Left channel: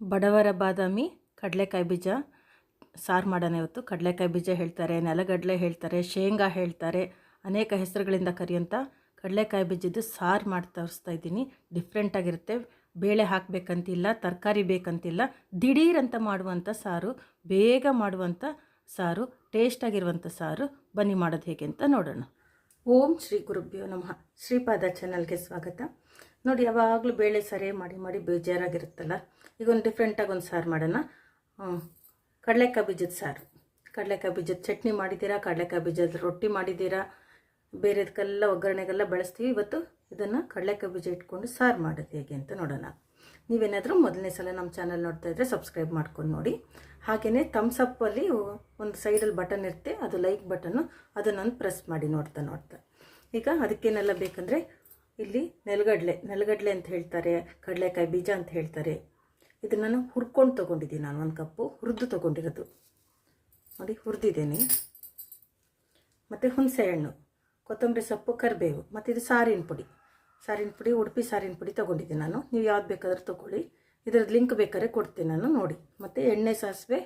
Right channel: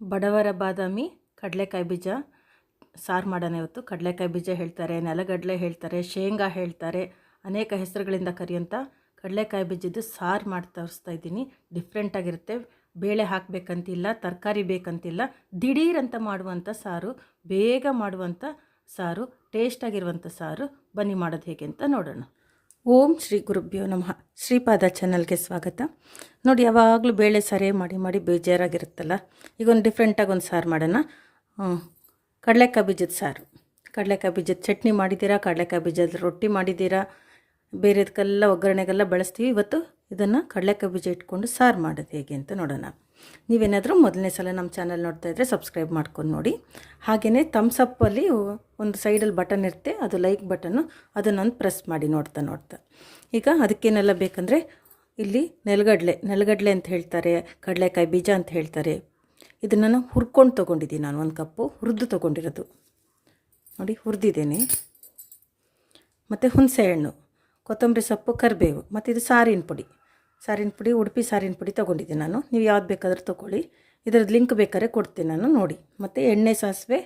ಬಡವರ ಬಾದಾಮಿ, ಕಡಲೆಕಾಯಿ ಬೀಜ. ಸಾರು ಮಾಡೋಣ ಇವತ್ತು ಕಡಲೆಕಾಯಿ ಬೀಜ ಹೇಳ್ತಾರೆ, ನೆಲಗಡಲೆ ಹೇಳ್ತಾರೆ, ಶೇಂಗಾ ಹೇಳ್ತಾರೆ, ಅನೇಕ ಹೆಸರುಗಳಿಂದ ಕರೆಯುವಂಥ ಕಡಲೆಕಾಯಿ ಬೀಜದ್ದು ಸಾರು ಮಾಡಿ ತೋರಿಸ್ತಾ ಇದ್ದೀನಿ. ಡಿಫ್ರೆಂಟಾಗಿರುತ್ತೆ ಬೇಳೆ ಹಾಕಬೇಕಂತಿಲ್ಲ, ತರಕಾರಿ ಬೇಕಂತಿಲ್ಲ ದಿಢೀರಂತ ಮಾಡುವಂಥ ಸಾರು, ಬೇಗ ಮಾಡುವಂಥ ಸಾರು ಟೇಸ್ಟಾಗಿರುವಂಥ ಸಾರು. ಬನ್ನಿ ಮಾಡೋದು ಹೇಗೆ ಅಂತ ನೋಡೋಣ. ಓಂ ಶ್ರೀ ಗುರುಭ್ಯೋ ನಮಃ. ಶ್ರೀಪಾದ ಚಾನಲ್ಗೆ ಸ್ವಾಗತ. ನೋಡಿ, ಯಾವಾಗಲೂ ಬೇಳೆ ಸಾರೇ ಮಾಡಿ ಮಾಡಿ ಬೇಜಾರಾಗಿರುತ್ತಲ್ಲ? ಈಗ ಒಂದು ಡಿಫ್ರೆಂಟಾಗಿ ಒಂದು ಸಾರು ಮಾಡೋಣ. ಕಡಲೆಕಾಯಿ ಬೀಜದ ಸಾರು. ಕಡಲೆಕಾಯಿ ಬೀಜದ ಚಟ್ನಿ ಮಾಡಿದ್ದೀರಾ? ಕಡಲೆಕಾಯಿ ಬೀಜದ ರೊಟ್ಟಿ ಮಾಡಿದ್ದೀರಾ? ಬೇರೆದಕ್ಕೆಲ್ಲ ಒಗ್ಗರಣೆಗೆಲ್ಲ ಬಳಸ್ತೀವಿ. ಇವತ್ತು ಇದನ್ನು ಕಡಲೆಕಾಯಿ ಬೀಜ ಇಟ್ಕೊಂಡು ಸಾರು ಮಾಡೋದು ಹೇಗೆ ಅಂತ ನೋಡೋಣ. ನೀವೇನಾದರೂ ಮೊದಲನೇ ಸಲ ನಮ್ಮ ಚಾನಲ್ ನೋಡ್ತಾ ಇದ್ದರೆ ಸಬ್ಸ್ಕ್ರೈಬ್ ಮಾಡ್ಕೊಂಡು ನೋಡಿ. ಹಾಗೆಯೇ ತಮ್ಸಪ್ಪಲ್ಲಿ ಒಂದು ಸೈಡಲ್ಲಿ ಬಟನ್ ಇರುತ್ತೆ, ಅದು ಲೈಕ್ ಬಟನ್ನು ಅದನ್ನೊಂದು ಪ್ರೆಸ್ ಮಾಡಿ ನೋಡ್ತಾ ನೋಡ್ತಾ. ಈಗ ಅದಕ್ಕೇನೆಲ್ಲ ಬೇಕಂದರೆ ಇಲ್ಲಿ ನೆಲಗಡಲೆ ನೆಲಗಡಲೆ ಅಂತ ಹೇಳ್ತಾರೆ, ಕಡಲೆಕಾಯಿ ಬೀಜ ಅಂತ ಹೇಳ್ತಾರೆ. ಇದನ್ನು ನಾನು ಹುರ್ಕೊಂಡು ತೊಗೊಂಡಿದ್ದೀನಿ ನಾನು ಒಂದು ಕಪ್ಪು, ಹುರಿದು ತೊಗೊಂಡಿರೋದು. ನೋಡಿ, ಹುರಿದಿದ್ದೇನೆ. ಮತ್ತು ಹುಣಸೆಹಣ್ಣು, ಕೊತ್ತಂಬರಿ ಸೊಪ್ಪು, ಕರಿಬೇವು, ಮತ್ತು ಇದು ಸಾರಿನ ಪುಡಿ. ಸಾರಿನ ಪುಡಿ, ಉಡುಪಿ ಸಾರಿನ ಪುಡಿ ತೊಗೊಂಡಿದ್ದೆ ನಾನು. ನೀವು ಯಾವ್ದು ಬೇಕಾದರೂ ತೊಗೊಳ್ಳಿ. ಇದರದ್ದು ಲಿಂಕ್ ಬೇಕಾದ್ರೆ ಕೊಡ್ತೀನಿ ನಾನು, ನೋಡಿ. ಮತ್ತು ಎಣ್ಣೆ, ಸಾಸಿವೆ,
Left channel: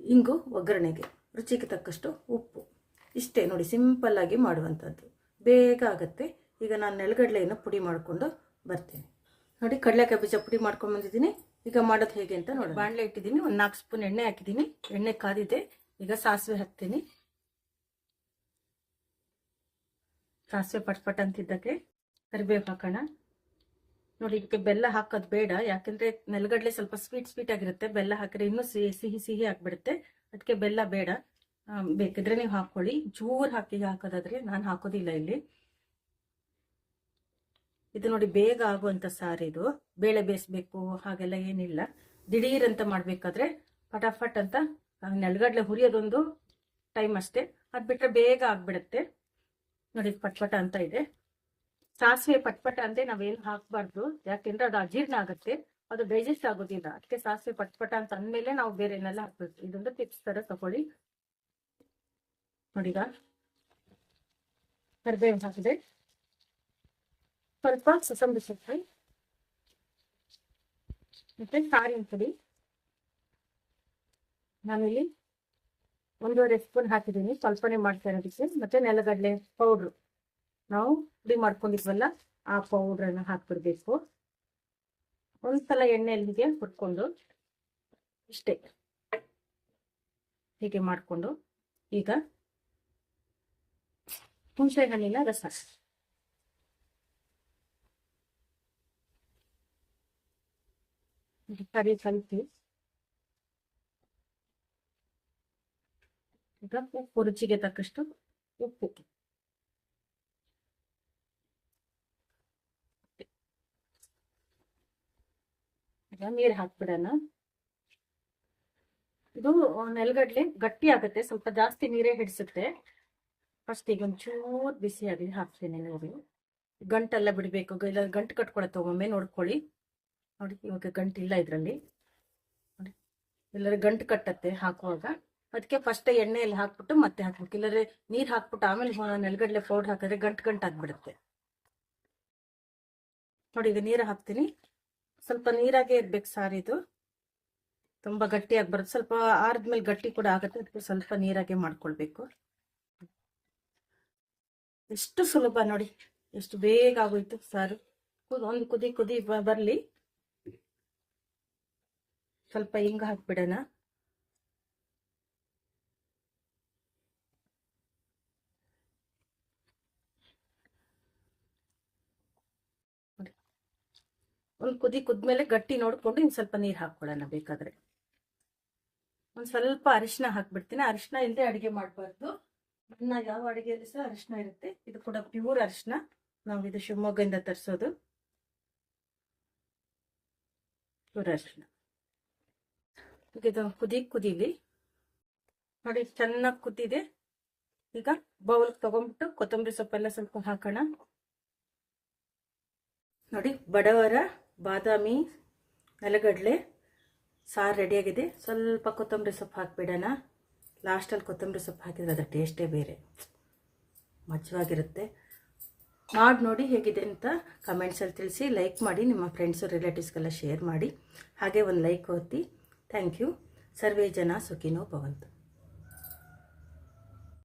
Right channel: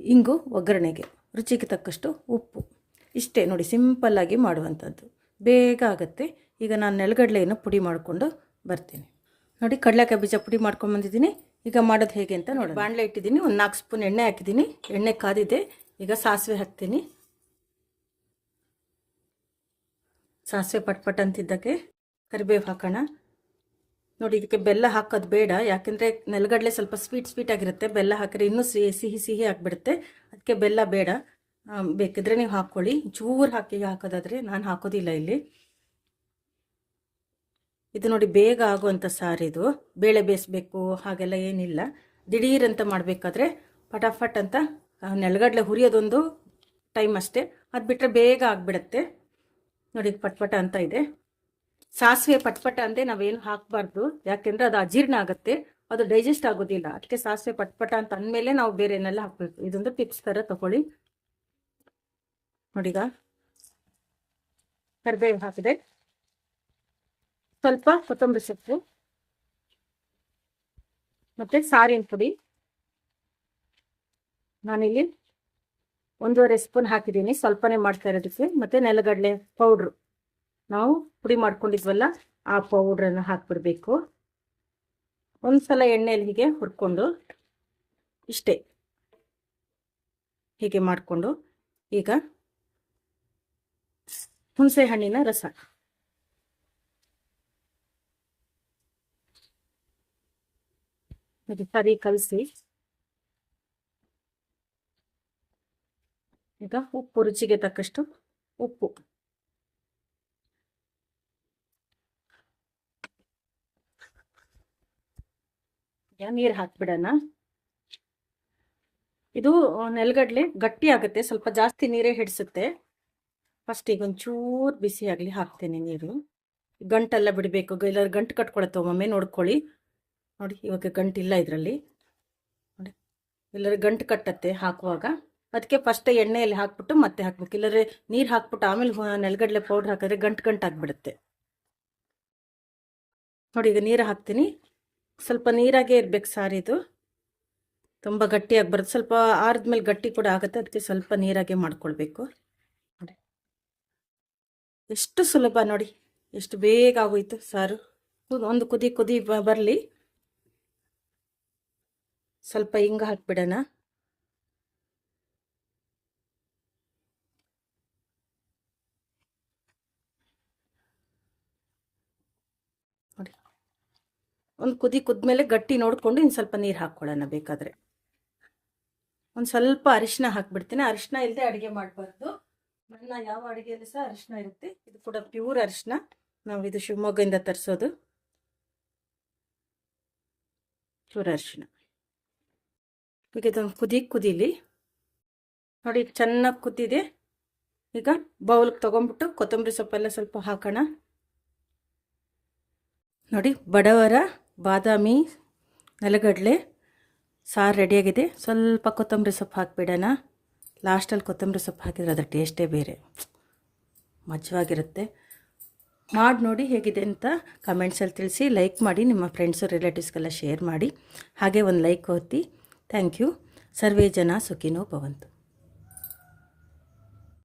ಇಂಗು, ಒಗ್ಗರಣೆಗೆ. ರುಚಿಗೆ ತಕ್ಕಷ್ಟು ಉಪ್ಪು. ಇಷ್ಟೇ ನೋಡಿ ಸಿಂಪಲ್ಲಾಗಿ ಮಾಡುವಂಥದ್ದು. ಬೇಗ ಆಗುತ್ತೆ. ಈಗ ನಾನು ನೆಲಗಡಲೆಯನ್ನು ಪುಡಿ ಮಾಡಿಕೊಂಡು ಬರ್ತೀನಿ. ನೋಡಿ, ಕಡಲೆಕಾಯಿ ಬೀಜ ಪುಡಿ ಮಾಡ್ಕೊಂಡು ಬಂದಿದ್ದೀನಿ. ಈಗ ಮಾಡೋದು ಹೇಗೆ ಅಂತ ನೋಡಿ ಬಾಣಲೆ ಇಟ್ಟಿದ್ದೀನಿ, ಒಂದು ನಾಲ್ಕು ಸ್ಪೂನ್ ಎಣ್ಣೆ ಹಾಕಿದ್ದೀನಿ. ಎಣ್ಣೆ ಕಾದಿದೆ, ಈಗ ಸಾಸಿವೆ ಹಾಕ್ತೀನಿ. ಸಾಸಿವೆ ಪಟ್ಪಟ್ ಅಂತಿದ್ದಕ್ಕೆ. ಕರಿಬೇವು ಹಾಕೋಣ. ನೋಡಿ ಇದಕ್ಕೆ ಬೆಲ್ಲ ಹಾಕೋದು ಬೇಡ, ಯಾಕೆಂದರೆ ನೆಲಗಡಲೆ ಸ್ವಲ್ಪ ಸ್ವೀಟ್ ಸ್ವೀಟ್ ಆಗಿರುತ್ತೆ, ಬೆಲ್ಲ ಹಾಕಿದ್ರೆ ಇನ್ನೂ ಸಿಹಿ ಸಿಹಿ ಸಿಹಿ ಆಗಿಬಿಡುತ್ತೆ. ಅದಕ್ಕೆ ಬೆಲ್ಲ ಬೇಡ. ಬೇಕಿದ್ರೆ ನೀವು ಹಾಕ್ಕೊಳ್ಳಿ. ಚೂರು ಹಾಕಿ ಹಾಕೋದಾದರೆ ನಾನು ಹಾಕೋದಿಲ್ಲ ಇಲ್ಲಿ. ಇದು ನೋಡಿ ಬೇಗ ಆಗುವಂಥ ಸಾರಿದು ಬೇಳೆ ಬೇಯಿಸ್ಬೇಕು, ಹಾಗೆಲ್ಲ ಏನಿಲ್ಲ. ದಿಢೀರಂತ ಮಾಡಬೇಕಾದ್ರೆ ಫಟಾಫಟ್ ಅಂತ ನೆಲಗಡಲೆ ಹುರಿಯೋದೊಂದು ಟೈಮ್ ಅಷ್ಟೇ. ಅದು ಬಿಟ್ಟರೆ ಬೇಗ ಆಗಿಬಿಡುತ್ತೆ. ನೋಡಿ ಪಟ್ಪಟ ಅಂತ ಇದೆ. ಸಾಸಿವೆ ಪಟ್ಪಟ ಅಂದ್ರೆ ನಾವೇನು ಹಾಕ್ಬಾರ್ದು. ಯಾಕೆಂದ್ರೆ ಅದು ಅಜೀರ್ಣ ಆಗುತ್ತೆ. ಅದು ಡೈಜೆಸ್ಟ್ ಆಗೋದಿಲ್ಲ. ಅದಕ್ಕೆ ಸಾಸಿವೆ ಪಟ್ಪಟ ಅಂತ ಅಂದ್ಮೇಲೆ ನಾವು ಬೇರೆ ಏನೆಲ್ಲ ಹಾಕಬೇಕು. ಇದೊಂದು ಟಿಪ್ಸ್ ತರ ತಗೊಳ್ಳಿ. ನೋಡಿಗ? ಕರಿಬೇವು ಹಾಕಿದೆ ಸ್ವಲ್ಪ ಕೊತ್ತಂಬರಿ ಸೊಪ್ಪು. ಮತ್ತೆ ಸಾರಿನ ಪುಡಿ. ನಾನಿಲ್ಲಿ ಒಂದೂವರೆ ಸ್ಪೂನ್ ಹಾಕಿದ್ದೀನಿ. ಸ್ವಲ್ಪನೇ ಮಾಡ್ತಾ ಇರೋದಕ್ಕೆ. ಮತ್ತೆ ನೆಲಗಡಲೆ ಪೌಡ್ರು. ನಾವು ಪುಡಿ ಮಾಡ್ಕೊಂಡಿದ್ವಲ್ಲ, ಆ ಪೌಡ್ರನ್ನು ಹಾಕ್ಬಿಡ್ಬೇಕು. ಒಂದ್ಸಲ ಎಣ್ಣೆಯಲ್ಲಿ ಹೀಗೆ ಹುರ್ಕೊಂಡು ಇಷ್ಟೇ ಹೀಗೆ ಮಾಡಿಕೊಂಡು ಈಗ ಹುಣಸೆ ಹಣ್ಣಿನ ರಸ. ಸರಿ ಕಲಸಿ. ಈಗ ಉಪ್ಪು, ರುಚಿಗೆ ತಕ್ಕಷ್ಟು ಉಪ್ಪು. ನೀರು ಹಾಕ್ಬಿಡೋಣ. ಇದು ನೆಲಗಡಲೆ ಗಟ್ಟಿ ಆಗುತ್ತೆ, ಸ್ವಲ್ಪ ಜಾಸ್ತಿ ನೀರೇ ಹಿಡಿಸುತ್ತೆ. ಫಸ್ಟ್ ಈಗ ಒಂಚೂರು ಬಿಸಿ ಆಗಲಿ ಹಾಕ್ತೀನಿ ನೀರು. ಗಂಟೆಲ್ಲ ಬಿಡಬೇಕು ಇಲ್ಲ ಗಂಟು ಕಟ್ಕೊಳತ್ತೆ ಒಮ್ಮೊಮ್ಮೆ, ನೋಡ್ಕೊಳ್ಳಿ. ನೋಡಿ, ಇವಾಗ ಇಲ್ಲ ಇದರಲ್ಲಿ. ನೋಡಿ ಇಲ್ಲರ ಗಂಟು ಕಟ್ಟತ್ತೆ ಹಾಕುವಾಗ. ಅದಕ್ಕೆ ಫಸ್ಟ್ ಎಣ್ಣೆಯಲ್ಲಿ ಹಾಕ್ಬಿಟ್ಟು ಮತ್ತೆ ಹಾಕ್ಬೇಕು. ಇಲ್ಲರೆ ನೀರು ಹಾಕ್ಬಿಟ್ಟು ಆಮೇಲೆ ನೆಲಗಡಲೆ ಪೌಡ್ರ್ ಹಾಕಿದ್ರೆ ಗಂಟು ಗಂಟು ಆಗಿಬಿಡುತ್ತೆ ನೋಡಿ, ಈಗ ನೀರು ಹಾಕ್ತೀನಿ. ಸ್ವಲ್ಪ ನೀರಾಗೇ ಇರ್ಬೇಕು ಸಾರಿದು ತುಂಬ ಗಟ್ಟಿಯಾಗಿ ಬರುತ್ತೆ ಸ್ವಲ್ಪ ಆರಿದ್ಮೇಲೆ ಗಟ್ಟಿ ಕೂಡ ಆಗುತ್ತೆ, ಅದಕ್ಕೆ ಸ್ವಲ್ಪ ನೀರಾಗೆ ಮಾಡ್ಕೊಳ್ಬೇಕು. ಎಷ್ಟು ಸುಲಭ ನೋಡಿ, ಎಷ್ಟು ಬೇಗ ಆಗೋಯ್ತು ಸಾರು. ಒಂದು ಕುದಿ ಕುದಿ ಬರಲಿ. ಸ್ವಲ್ಪ ಹಿಂಗೆ ಹಾಕ್ಬಿಡೋಣ ನೋಡಿ ಒಂದು ಕುದಿ ಕುದ್ಮೇಲೆ ಗಟ್ಟಿ ನೋಡಿಕೊಂಡು ಇನ್ನು ಸ್ವಲ್ಪ ನೀರು ಹಾಕ್ಕೊಳ್ಳೋಣ ಬೇಕಾದರೆ. ಒಂದು ಸ್ವಲ್ಪ ಅರಿಶಿನ ಹಾಕ್ಬಿಡ್ತೀನಿ. ಅರಿಶಿನ ಇಲ್ಲದೆ ಅಡುಗೆ ಮಾಡಬಾರ್ದು. ನನ್ನ ಯಾವ ಅಡುಗೆಯಲ್ಲಿ ಸಹ ಅರಿಶಿನ ಇರುತ್ತೆ. ಇದು ಕೂಡ ಪ್ಯೂರ್ ಅರಿಶಿನ ನಾವು ಇದು ಶಿವಮೊಗ್ಗದಿಂದ ತರಿಸೋದು. ಪ್ಯೂರ್ ಅರಿಶಿನ ಈಗ ಇದು ಕುದಿ ಕುದೀಲಿ. ನೋಡಿ ಚೆನ್ನಾಗಿ ಕುದ್ದಿದೆ ಈಗ ಬೌಲ್ಗೆ ತೊಗೊಂಬಿಟ್ಟು ಕೊತ್ತಂಬರಿ ಸೊಪ್ಪೆಲ್ಲ ಸ್ವಲ್ಪ ಹಾಕೋಣ. ನೋಡಿ ಬಡವರ ಬಾದಾಮಿ, ನೆಲಗಡಲೆ, ಸಾರು ರೆಡಿಯಾಗಿದೆ. ಸ್ವಲ್ಪ ಕೊತ್ತಂಬರಿ ಸೊಪ್ಪು ಹಾಕಿಬಿಡೋಣ. ಲಾಸ್ಟಲ್ಲಿ ಕೊತ್ತಂಬರಿ ಸೊಪ್ಪು ಹಾಕಿದರೆ ಅದರ ಟೇಸ್ಟೇ ಬೇರೆ. ಮಜವಾಗಿರುತ್ತೆ. ಮಾಡಿ ನೋಡಿ ಹೇಗಿದೆ ಅಂತ ಕಮೆಂಟ್ಸಲ್ಲಿ ತಿಳಿಸಿ. ಲೈಕ್ ಮಾಡಿ, ನಿಮ್ಮ ಫ್ರೆಂಡ್ಸು, ರಿಲೇಟಿವ್ಸ್ಗೆಲ್ಲ ಶೇರ್ ಮಾಡಿ. ಹಾಗೆ ಒಂದು ಲೈಕ್ ಒತ್ತಿ. Thank you. ಸರ್ವೇ ಜನ ಸುಖಿನೋ ಭವಂತು.